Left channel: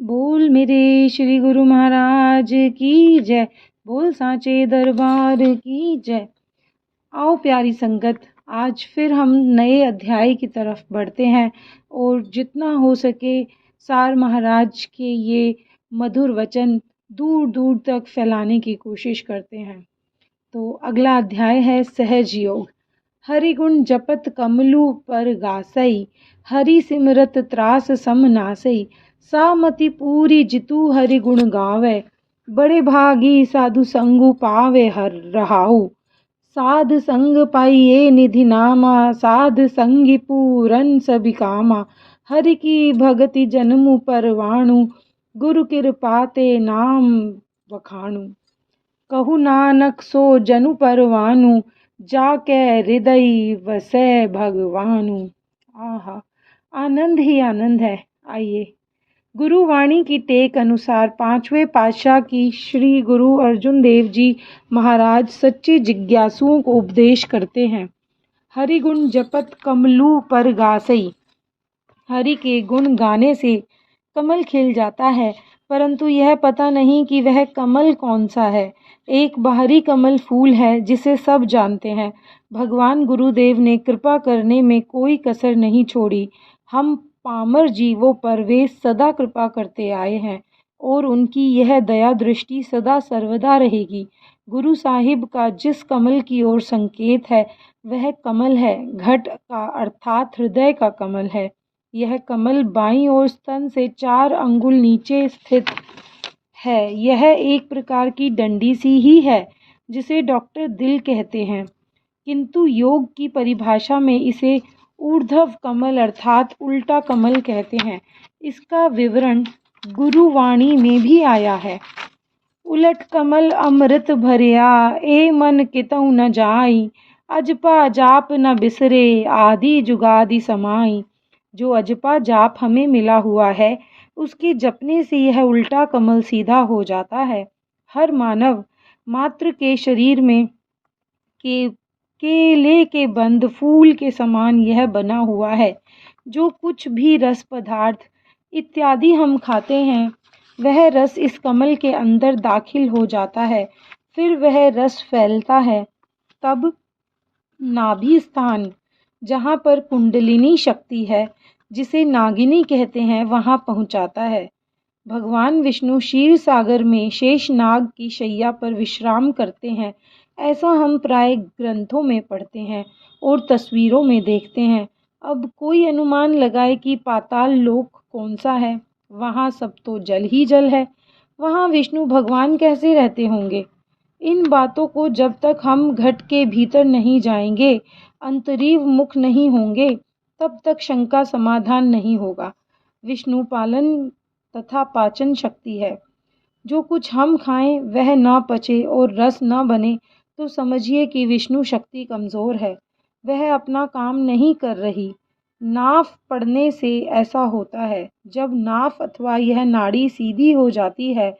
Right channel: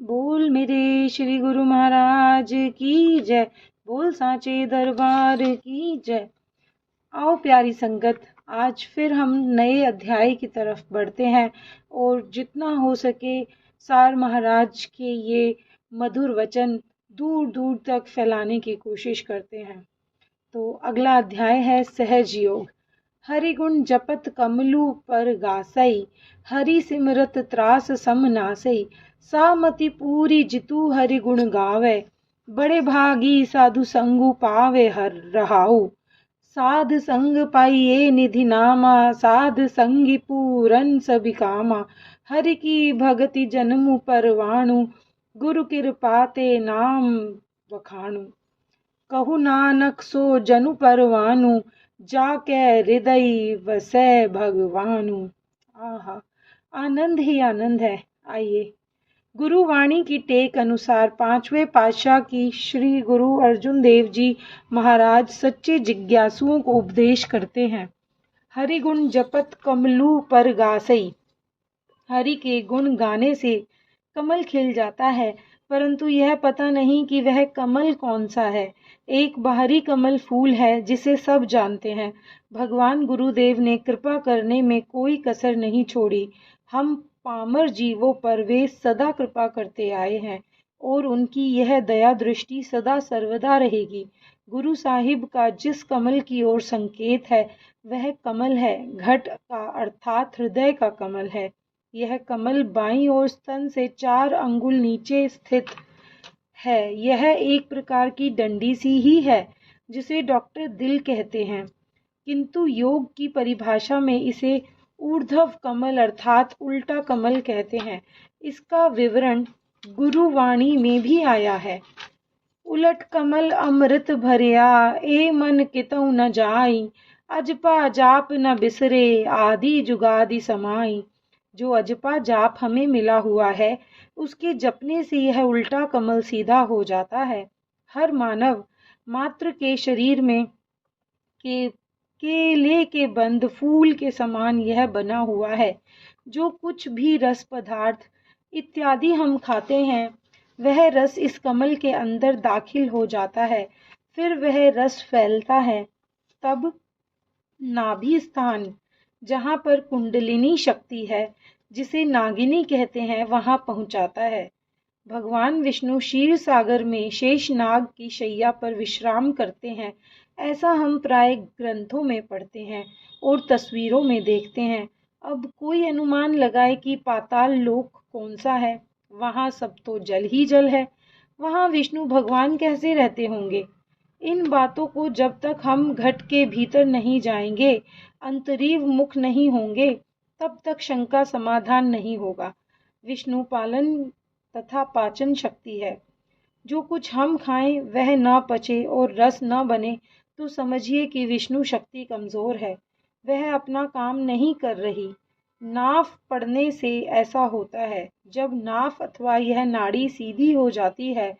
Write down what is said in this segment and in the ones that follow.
बोल मेरे श्री गुरु महाराज की जय। बोल सांचे दरबार की जय। आओ प्यारी संगत, आज फिर हम नए अध्याय की तरफ बढ़ते हैं और जितना हो सके सार महाराज के ये मधुर वचन दूर दूर तक फैलाने की कोशिश करते हैं। तो अगला अध्याय है सहज योग। हरि गुण जपत कमलु पर गासई, हरि सिमरत त्रास सम नासई, सामति पूरी जितु हरि गुण गावे, बड़े भागी साधु संगु पावे हर रहाऊ, साध संग पाइये निधि नामा, साध संगी पूरन सभी कामा, हरि की भगति जन्मु परवाणु, गुरु कृपा ते नाम वखाणु, कहु नानक सो जनु परवानु, जाके हृदय वसै भगवानु। आहा, आनंद ही आनंद है। आइए गुरुवाणी की टेक अनुसार पांचवें पातशाह की श्री गुरु अर्जुन देव जी महाराज सच्चे जिज्ञासुओं को उपदेश करते हैं। हरि गुण जपत कमलू पर गासई। हरि के गुण गाने से कमल खिल जाता है, परंतु यह पता नहीं कि वह कमल कौन सा है। एक बाहरी कमल फूल है जिसे सब जानते हैं। भगवान गुरुदेव ने कृपा करने में कोई कसर नहीं छोड़ी। हम पामर जीवों पर वे सदा कृपा करते आए हैं और उनकी यह दया दृष्टि सदा सर्वदा रहेगी। गुरु साहिब का जिस कमल की ओर संकेत है वह कमल है, घट का अर्थात हृदय का कमल है। यह कमल बाईं ओर स्तन से 4 अंगुल नीचे स्थित है। यह एक प्रकार की डंडी सी ही है जिसे डॉक्टर दिल कहते हैं, किंतु योग की परिभाषा में इसे ऊर्ध्व कमल अर्थात उल्टा कमल कहते हैं। इसका विवरण गुरुवाणी में भी आया है। उलट कमल अमृत भरिया, ए मन कितऊ न जाई, अजपा जाप न बिसरे, आदि जुगादि समाई। जो अजपा जाप हमें मिला हुआ है उसके जपने से यह उल्टा कमल सीधा हो जाता है। हर मानव मात्र के शरीर में केले के बंद फूल के समान यह बना हुआ है। जो कुछ भी रस पदार्थ इत्यादि हम खाते हैं वह रस इस कमल के अंदर दाखिल हो जाता है, फिर वह रस फैलता है, तब नाभि स्थान जहाँ पर कुंडलिनी शक्ति है जिसे नागिनी कहते हैं वहाँ पहुँचाता है। भगवान विष्णु क्षीर सागर में शेष नाग की शैया पर विश्राम करते हैं, ऐसा हम प्राय ग्रंथों में पढ़ते हैं और तस्वीरों में देखते हैं। अब कोई अनुमान लगाए कि पाताल लोक कौन सा है। वहाँ सब तो जल ही जल है, वहाँ विष्णु भगवान कैसे रहते होंगे। इन बातों को जब तक हम घट के भीतर नहीं जाएंगे, अंतरीव मुख नहीं होंगे, तब तक शंका समाधान नहीं होगा। विष्णु पालन तथा पाचन शक्ति है। जो कुछ हम खाएं वह न पचे और रस न बने तो समझिए कि विष्णु शक्ति कमज़ोर है, वह अपना काम नहीं कर रही। नाफ पड़ने से ऐसा होता है। जब नाफ अथवा यह नाड़ी सीधी हो जाती है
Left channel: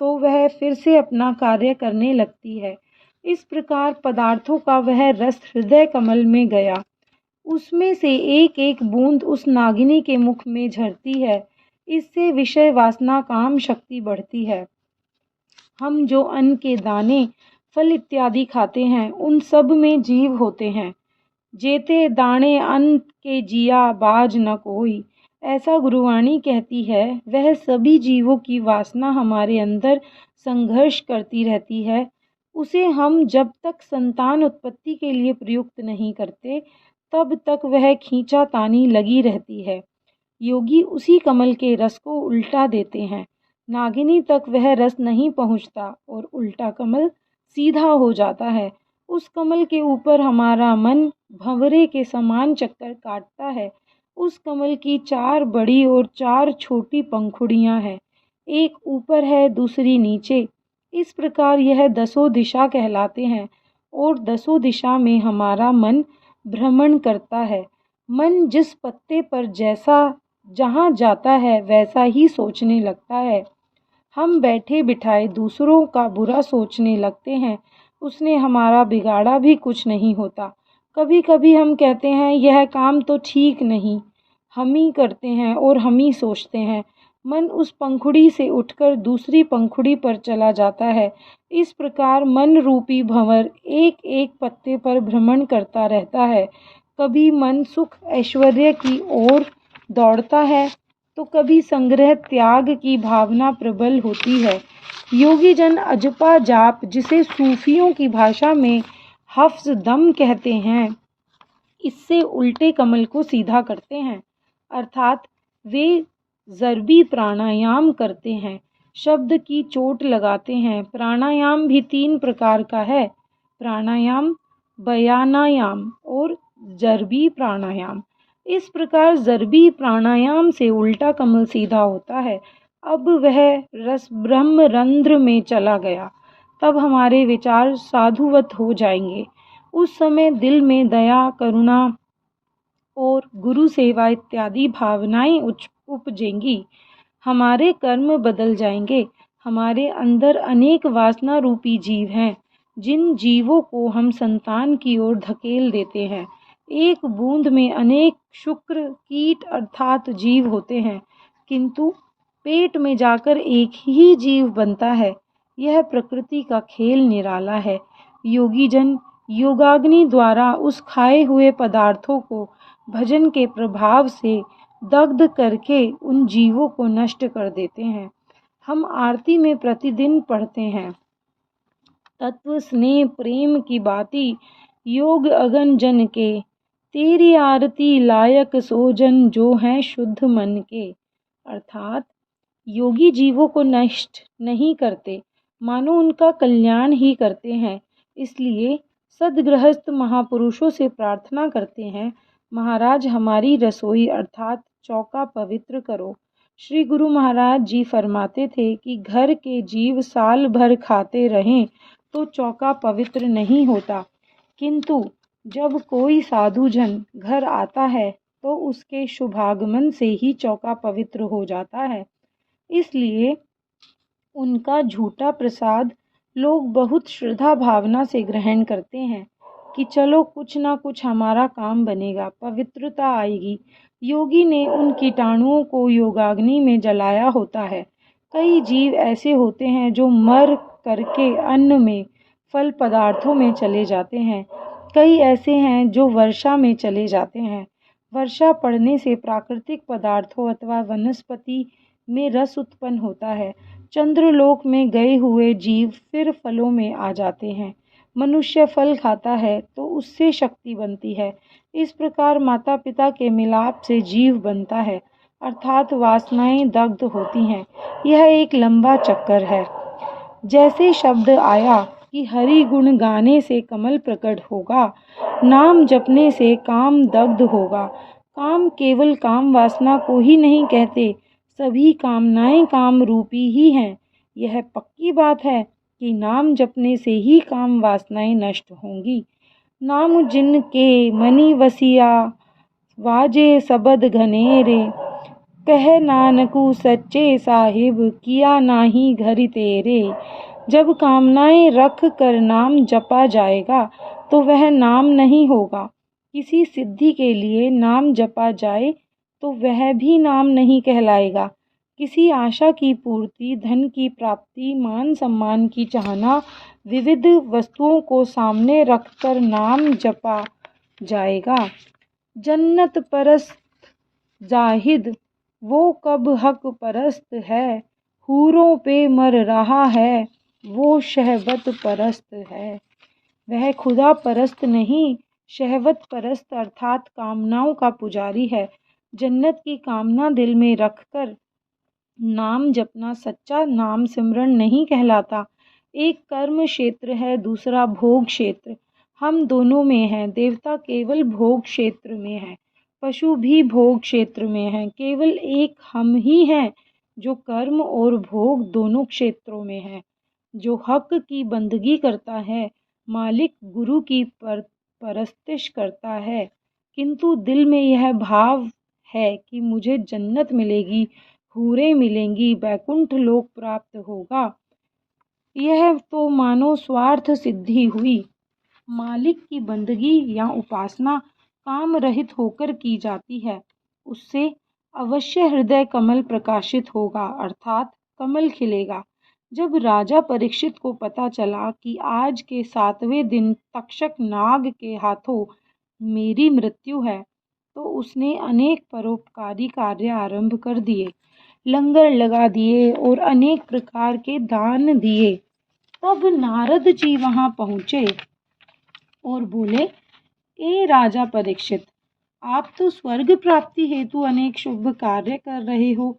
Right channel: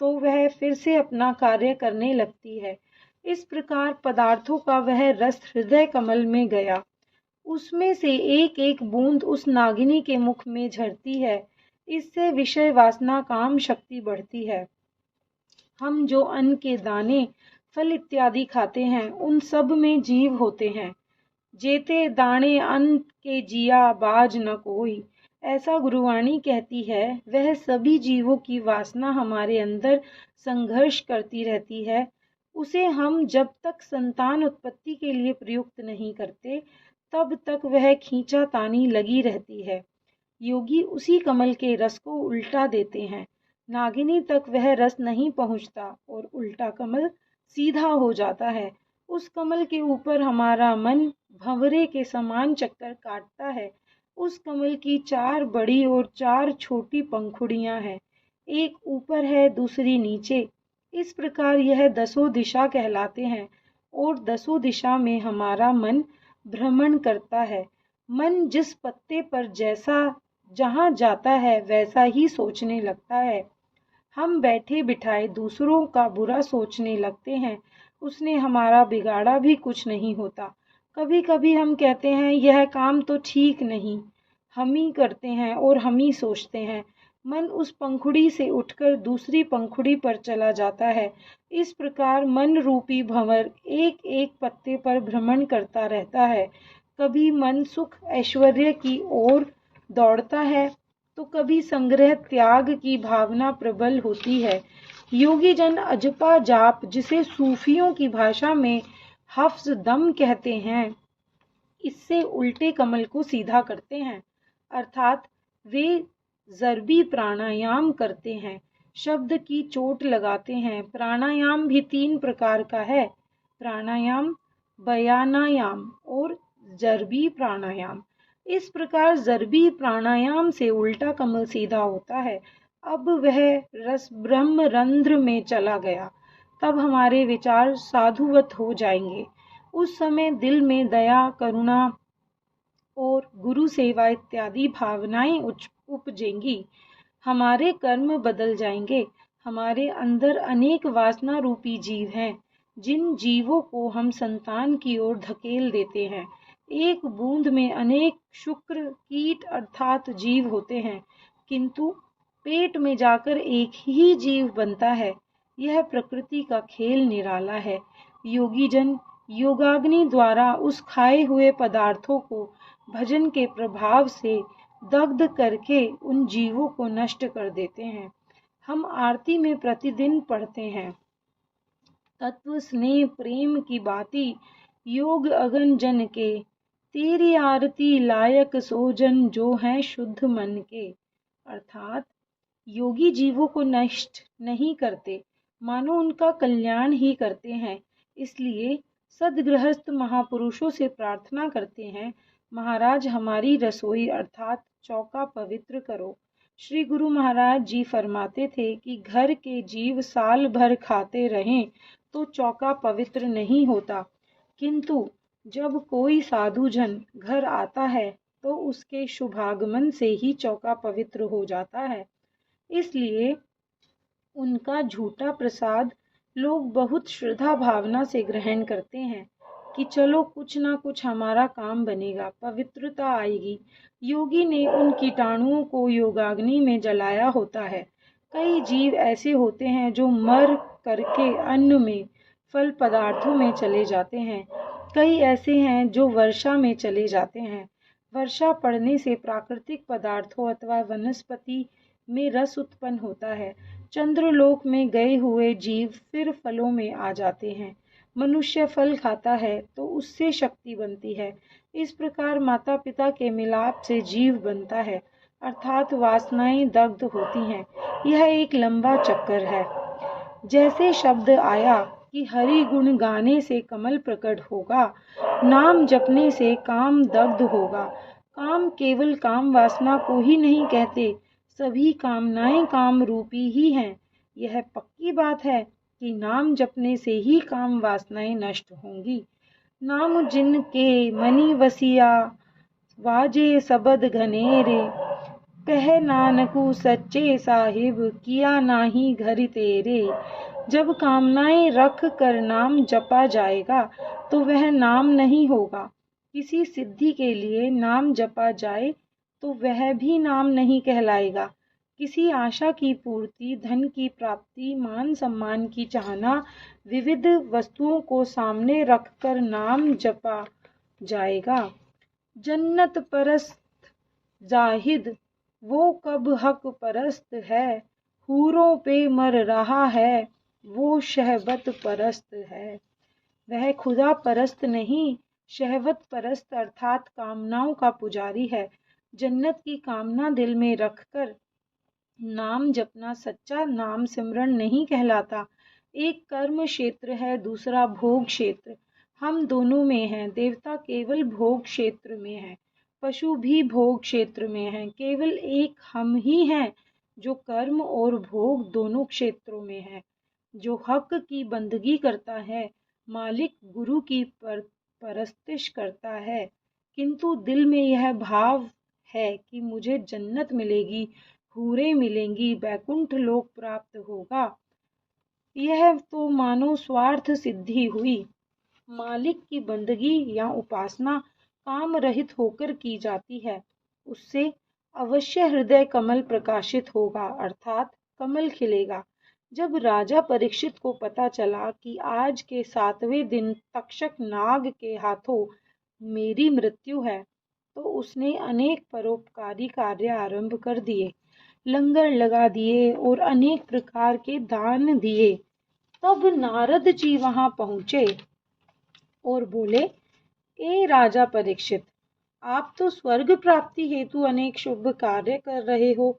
तो वह फिर से अपना कार्य करने लगती है। इस प्रकार पदार्थों का वह रस हृदय कमल में गया, उसमें से एक एक बूंद उस नागिनी के मुख में झरती है। इससे विषय वासना काम शक्ति बढ़ती है। हम जो अन्न के दाने फल इत्यादि खाते हैं उन सब में जीव होते हैं। जेते दाणे अन्न के जिया बाज न कोई, ऐसा गुरुवाणी कहती है। वह सभी जीवों की वासना हमारे अंदर संघर्ष करती रहती है। उसे हम जब तक संतान उत्पत्ति के लिए प्रयुक्त नहीं करते तब तक वह खींचातानी लगी रहती है। योगी उसी कमल के रस को उल्टा देते हैं। नागिनी तक वह रस नहीं पहुँचता और उल्टा कमल सीधा हो जाता है। उस कमल के ऊपर हमारा मन भंवरे के समान चक्कर काटता है। उस कमल की 4 बड़ी और 4 छोटी पंखुड़ियाँ हैं, एक ऊपर है दूसरी नीचे। इस प्रकार यह 10 दिशा कहलाते हैं और 10 दिशा में हमारा मन भ्रमण करता है। मन जिस पत्ते पर जैसा जहाँ जाता है वैसा ही सोचने लगता है। हम बैठे बिठाए दूसरों का बुरा सोचने लगते हैं, उसने हमारा बिगाड़ा भी कुछ नहीं होता। कभी कभी हम कहते हैं यह काम तो ठीक नहीं, हम ही करते हैं और हम ही सोचते हैं, मन उस पंखुड़ी से उठकर दूसरी पंखुड़ी पर चला जाता है। इस प्रकार मन रूपी भंवर एक एक पत्ते पर भ्रमण करता रहता है। कभी मन सुख ऐश्वर्य की ओर दौड़ता है तो कभी संग्रह त्याग की भावना प्रबल होती है। योगी जन अजपा जाप, जिसे सूफियों की भाषा में हफ्स दम कहते हैं, इससे उल्टे कमल को सीधा करते हैं, अर्थात वे ज़रबी प्राणायाम करते हैं, शब्द की चोट लगाते हैं। प्राणायाम भी 3 प्रकार का है, प्राणायाम, बयानायाम और ज़रबी प्राणायाम। इस प्रकार ज़रबी प्राणायाम से उल्टा कमल सीधा होता है। अब वह रस ब्रह्म रंध्र में चला गया, तब हमारे विचार साधुवत हो जाएंगे। उस समय दिल में दया, करुणा और गुरु सेवा इत्यादि भावनाएं उपजेंगी। हमारे कर्म बदल जाएंगे। हमारे अंदर अनेक वासना रूपी जीव हैं, जिन जीवों को हम संतान की ओर धकेल देते हैं। एक बूंद में अनेक शुक्र कीट अर्थात जीव होते हैं, किंतु पेट में जाकर एक ही जीव बनता है। यह प्रकृति का खेल निराला है। योगी जन योगाग्नि द्वारा उस खाए हुए पदार्थों को भजन के प्रभाव से दग्ध करके उन जीवों को नष्ट कर देते हैं। हम आरती में प्रतिदिन पढ़ते हैं, तत्व स्नेह प्रेम की बाती योग अगन जन के, तेरी आरती लायक सोजन जो हैं शुद्ध मन के। अर्थात योगी जीवों को नष्ट नहीं करते, मानो उनका कल्याण ही करते हैं। इसलिए सदगृहस्थ महापुरुषों से प्रार्थना करते हैं, महाराज हमारी रसोई अर्थात चौका पवित्र करो। श्री गुरु महाराज जी फरमाते थे कि घर के जीव साल भर खाते रहें तो चौका पवित्र नहीं होता, किंतु जब कोई साधु जन घर आता है तो उसके शुभागमन से ही चौका पवित्र हो जाता है। इसलिए उनका झूठा प्रसाद लोग बहुत श्रद्धा भावना से ग्रहण करते हैं कि चलो कुछ ना कुछ हमारा काम बनेगा, पवित्रता आएगी। योगी ने उन कीटाणुओं को योगाग्नि में जलाया होता है। कई जीव ऐसे होते हैं जो मर करके अन्न में, फल पदार्थों में चले जाते हैं। कई ऐसे हैं जो वर्षा में चले जाते हैं। वर्षा पड़ने से प्राकृतिक पदार्थों अथवा वनस्पति में रस उत्पन्न होता है। चंद्रलोक में गए हुए जीव फिर फलों में आ जाते हैं। मनुष्य फल खाता है तो उससे शक्ति बनती है। इस प्रकार माता पिता के मिलाप से जीव बनता है, अर्थात वासनाएं दग्ध होती हैं। यह एक लंबा चक्कर है। जैसे शब्द आया कि हरि गुण गाने से कमल प्रकट होगा, नाम जपने से काम दग्ध होगा। काम केवल काम वासना को ही नहीं कहते, सभी कामनाएं काम रूपी ही हैं। यह पक्की बात है कि नाम जपने से ही काम वासनाएं नष्ट होंगी। नाम जिनके मनि वसिया, वाजे सबद घनेरे, कह नानकू सच्चे साहिब, किया नाही घरि तेरे। जब कामनाएं रख कर नाम जपा जाएगा तो वह नाम नहीं होगा। किसी सिद्धि के लिए नाम जपा जाए तो वह भी नाम नहीं कहलाएगा। किसी आशा की पूर्ति, धन की प्राप्ति, मान सम्मान की चाहना, विविध वस्तुओं को सामने रखकर नाम जपा जाएगा। जन्नत परस्त जाहिद वो कब हक परस्त है, हूरों पे मर रहा है वो शहवत परस्त है। वह खुदा परस्त नहीं, शहवत परस्त अर्थात कामनाओं का पुजारी है। जन्नत की कामना दिल में रखकर नाम जपना सच्चा नाम सिमरन नहीं कहलाता। एक कर्म क्षेत्र है, दूसरा भोग क्षेत्र। हम दोनों में हैं। देवता केवल भोग क्षेत्र में है, पशु भी भोग क्षेत्र में है। केवल एक हम ही हैं जो कर्म और भोग दोनों क्षेत्रों में है। जो हक की बंदगी करता है, मालिक गुरु की परस्तिश करता है, किंतु दिल में यह भाव है कि मुझे जन्नत मिलेगी, हूरें मिलेंगी, बैकुंठ लोक प्राप्त होगा, यह तो मानो स्वार्थ सिद्धि हुई। मालिक की बंदगी या उपासना काम रहित होकर की जाती है, उससे अवश्य हृदय कमल प्रकाशित होगा, अर्थात कमल खिलेगा। जब राजा परीक्षित को पता चला कि आज के 7वें दिन तक्षक नाग के हाथों मेरी मृत्यु है, तो उसने अनेक परोपकारी कार्य आरंभ कर दिए, लंगर लगा दिए और अनेक प्रकार के दान दिए। तब नारद जी वहां पहुंचे और बोले, ए राजा परीक्षित, आप तो स्वर्ग प्राप्ति हेतु अनेक शुभ कार्य कर रहे हो,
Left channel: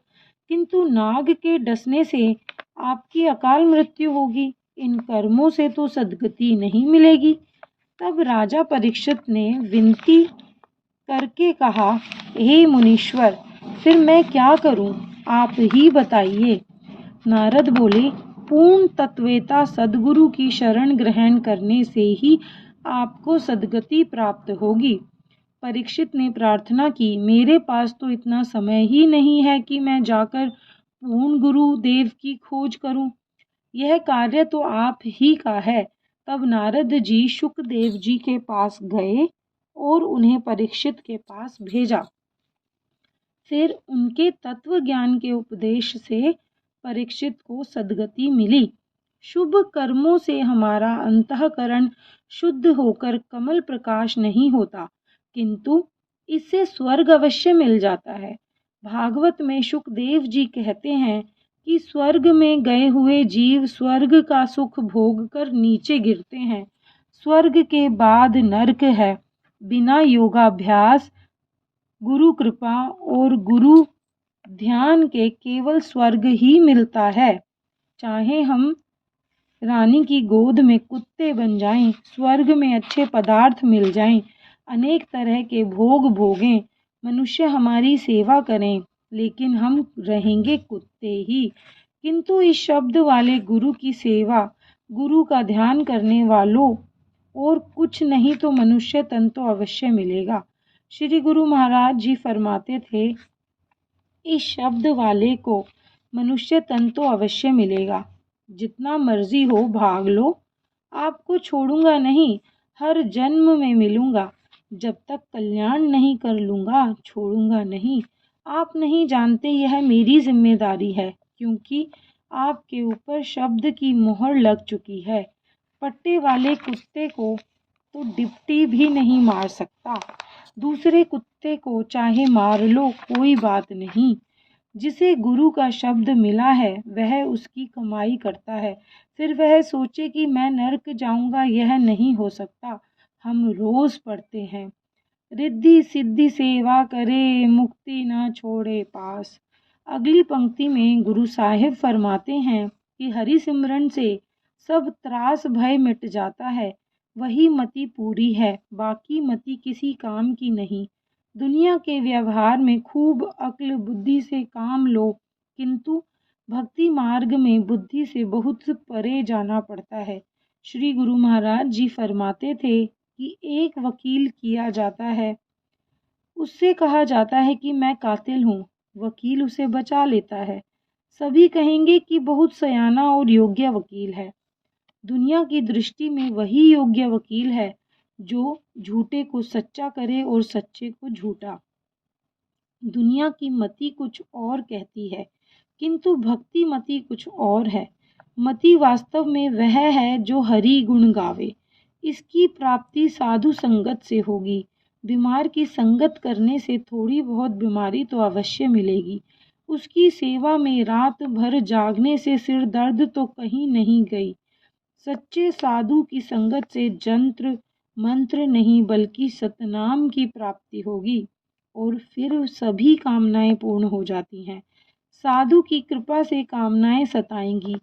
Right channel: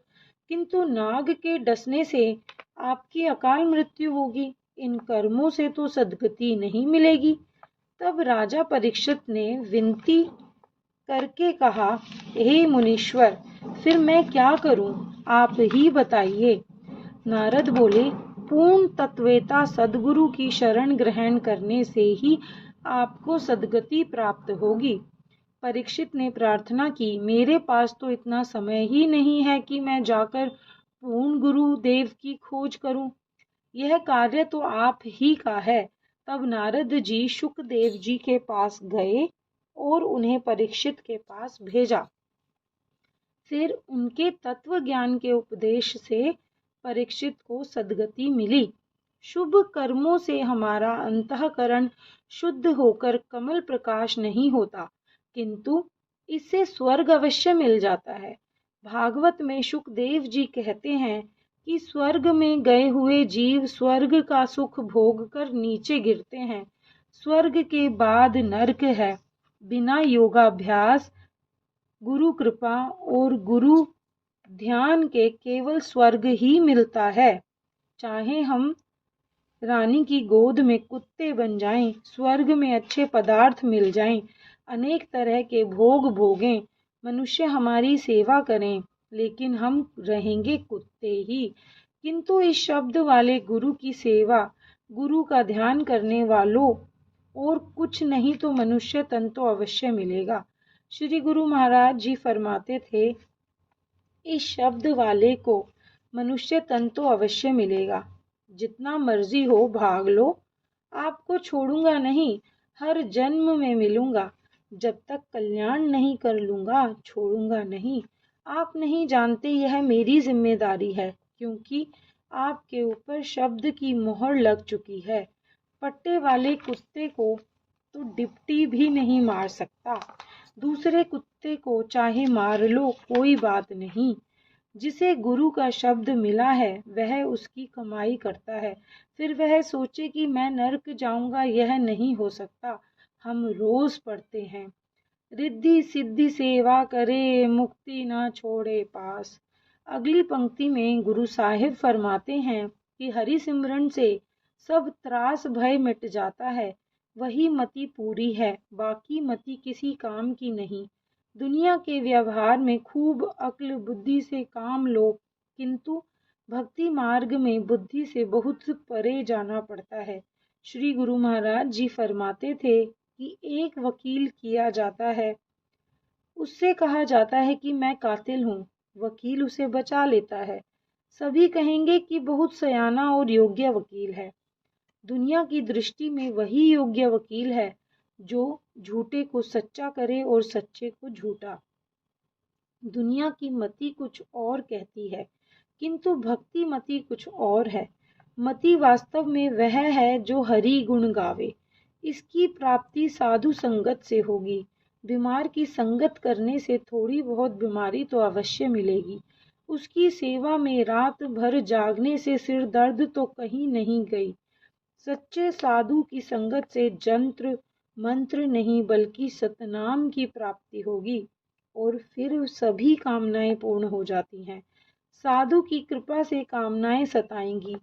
किंतु नाग के डसने से आपकी अकाल मृत्यु होगी। इन कर्मों से तो सद्गति नहीं मिलेगी। तब राजा परीक्षित ने विनती करके कहा, हे मुनीश्वर, फिर मैं क्या करूं, आप ही बताइए। नारद बोले, पूर्ण तत्वेता सद्गुरु की शरण ग्रहण करने से ही आपको सद्गति प्राप्त होगी। परीक्षित ने प्रार्थना की, मेरे पास तो इतना समय ही नहीं है कि मैं जाकर पूर्ण गुरु देव की खोज करूं। यह कार्य तो आप ही का है। तब नारद जी शुकदेव जी के पास गए और उन्हें परीक्षित के पास भेजा। फिर उनके तत्व ज्ञान के उपदेश से परीक्षित को सद्गति मिली। शुभ कर्मों से हमारा अंतःकरण शुद्ध होकर कमल प्रकाश नहीं होता, किंतु इससे स्वर्ग अवश्य मिल जाता है। भागवत में शुकदेव जी कहते हैं कि स्वर्ग में गए हुए जीव स्वर्ग का सुख भोग कर नीचे गिरते हैं। स्वर्ग के बाद नरक है। बिना योगाभ्यास, गुरु कृपा और गुरु ध्यान के केवल स्वर्ग ही मिलता है। चाहे हम रानी की गोद में कुत्ते बन जाएं, स्वर्ग में अच्छे पदार्थ मिल जाएं, अनेक तरह के भोग भोगें, मनुष्य हमारी सेवा करें, लेकिन हम रहेंगे कुत्ते ही। किंतु इस शब्द वाले गुरु की सेवा, गुरु का ध्यान करने वालों और कुछ नहीं तो मनुष्य तन तो अवश्य मिलेगा। श्री गुरु महाराज जी फरमाते थे, इस शब्द वाले को मनुष्य तन तो अवश्य मिलेगा, जितना मर्जी हो भाग लो, आपको छोड़ूंगा नहीं, हर जन्म में मिलूंगा, जब तक कल्याण नहीं कर लूंगा छोड़ूंगा नहीं। आप नहीं जानते यह मेरी जिम्मेदारी है, क्योंकि आपके ऊपर शब्द की मोहर लग चुकी है। पट्टे वाले कुत्ते को तो डिप्टी भी नहीं मार सकता, दूसरे कुत्ते को चाहे मार लो कोई बात नहीं। जिसे गुरु का शब्द मिला है वह उसकी कमाई करता है, फिर वह सोचे कि मैं नरक जाऊंगा, यह नहीं हो सकता। हम रोज पढ़ते हैं, रिद्धि सिद्धि सेवा करे, मुक्ति न छोड़े पास। अगली पंक्ति में गुरु साहिब फरमाते हैं कि हरि सिमरन से सब त्रास भय मिट जाता है। वही मति पूरी है, बाकी मति किसी काम की नहीं। दुनिया के व्यवहार में खूब अक्ल बुद्धि से काम लो, किंतु भक्ति मार्ग में बुद्धि से बहुत परे जाना पड़ता है। श्री गुरु महाराज जी फरमाते थे कि एक वकील किया जाता है, उससे कहा जाता है कि मैं कातिल हूँ, वकील उसे बचा लेता है। सभी कहेंगे कि बहुत सयाना और योग्य वकील है। दुनिया की दृष्टि में वही योग्य वकील है जो झूठे को सच्चा करे और सच्चे को झूठा। दुनिया की मति कुछ और कहती है, किंतु भक्ति मति कुछ और है। मति वास्तव में वह है जो हरि गुण गावे। इसकी प्राप्ति साधु संगत से होगी। बीमार की संगत करने से थोड़ी बहुत बीमारी तो अवश्य मिलेगी। उसकी सेवा में रात भर जागने से सिर दर्द तो कहीं नहीं गई। सच्चे साधु की संगत से जंत्र मंत्र नहीं बल्कि सतनाम की प्राप्ति होगी और फिर सभी कामनाएं पूर्ण हो जाती हैं। साधु की कृपा से कामनाएं सताएंगी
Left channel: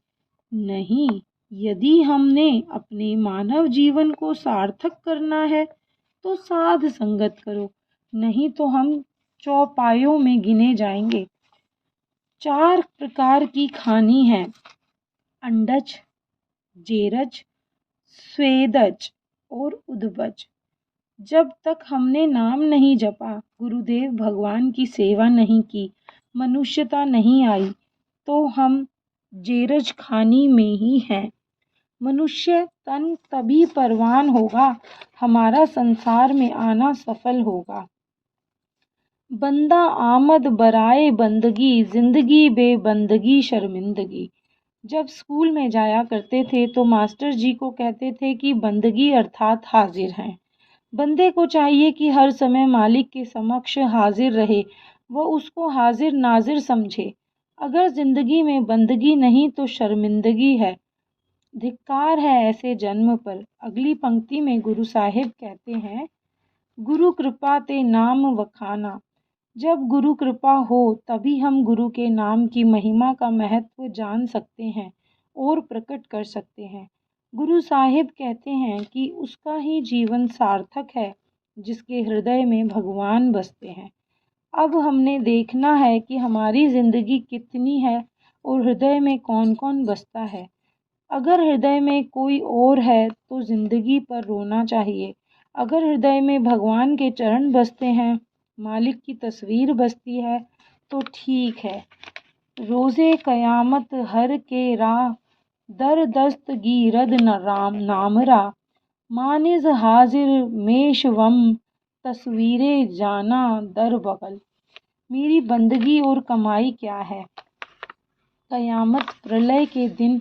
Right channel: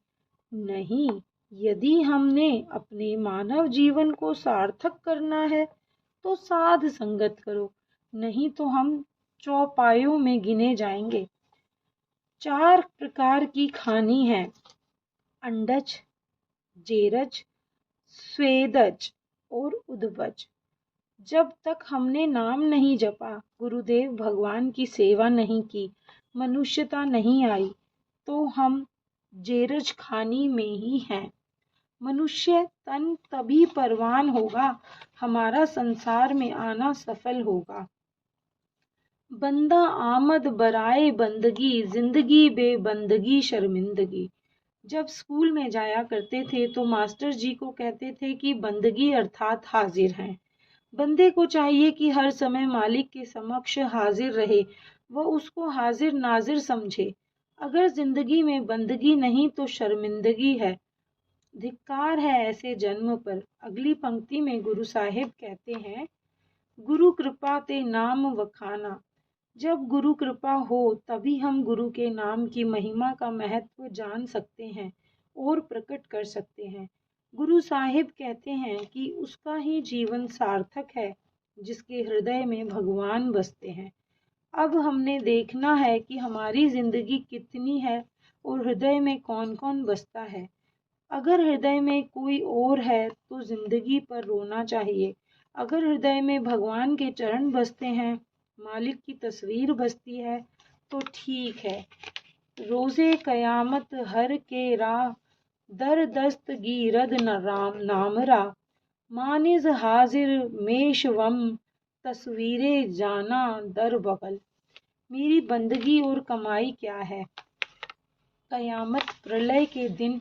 नहीं। यदि हमने अपने मानव जीवन को सार्थक करना है तो साध संगत करो, नहीं तो हम चौपायों में गिने जाएंगे। 4 प्रकार की खानी है, अंडज, जेरज, स्वेदज और उद्भज। जब तक हमने नाम नहीं जपा, गुरुदेव भगवान की सेवा नहीं की, मनुष्यता नहीं आई, तो हम जेरज खानी में ही हैं। मनुष्य तन तभी परवान होगा, हमारा संसार में आना सफल होगा। बंदा आमद बराए बंदगी, जिंदगी बेबंदगी शर्मिंदगी। जब स्कूल में जाया करते थे तो मास्टर जी को कहते थे कि बंदगी अर्थात हाजिर हैं। बंदे को चाहिए कि हर समय मालिक के समक्ष हाजिर रहे, वह उसको हाजिर नाजिर समझे। अगर जिंदगी में बंदगी नहीं तो शर्मिंदगी है। धिक्कार है ऐसे जन्म पर। अगली पंक्ति में गुरु साहिब कहते हैं, गुरु कृपा ते नाम वखाना। जब गुरु कृपा हो तभी हम गुरु के नाम की महिमा का महत्व जान सकते हैं और प्रकट कर सकते हैं। गुरु साहिब कहते हैं कि उसका ही जीवन सार्थक है जिसके हृदय में भगवान बसते हैं। अब हमने देखना है कि हमारी ज़िंदगी कितनी है और हृदय में कौन कौन बसता है। अगर हृदय में कोई और है तो ज़िंदगी पर रोना चाहिए। अगर हृदय में भगवान के चरण बसते हैं, मालिक की तस्वीर बसती है, तो ठीक है। रोज़े क़यामत हर के राह, दर दस्त गीरद न राम नामरा। मानिज हाजिर मेशवम, तस्वीरे जाना दर बगल। मेरी बंदगी और कमाई क्या है? क़यामत प्रलय के दिन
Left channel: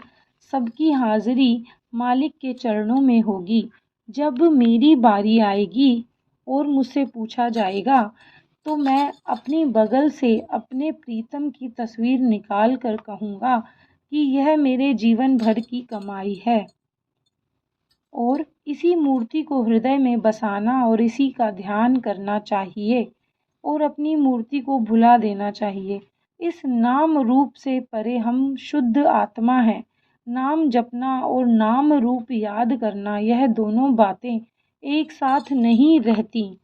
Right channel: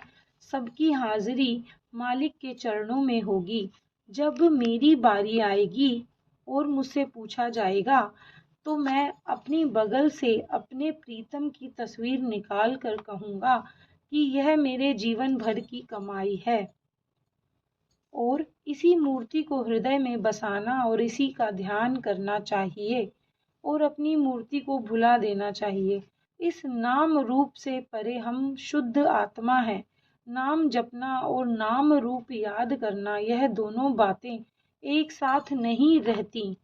सबकी हाजिरी मालिक के चरणों में होगी। जब मेरी बारी आएगी और मुझसे पूछा जाएगा तो मैं अपनी बगल से अपने प्रीतम की तस्वीर निकाल कर कहूँगा कि यह मेरे जीवन भर की कमाई है। और इसी मूर्ति को हृदय में बसाना और इसी का ध्यान करना चाहिए और अपनी मूर्ति को भुला देना चाहिए। इस नाम रूप से परे हम शुद्ध आत्मा हैं। नाम जपना और नाम रूप याद करना, यह दोनों बातें एक साथ नहीं रहती।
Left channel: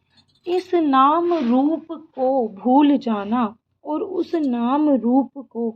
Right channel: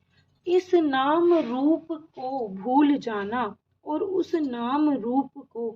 इस नाम रूप को भूल जाना और उस नाम रूप को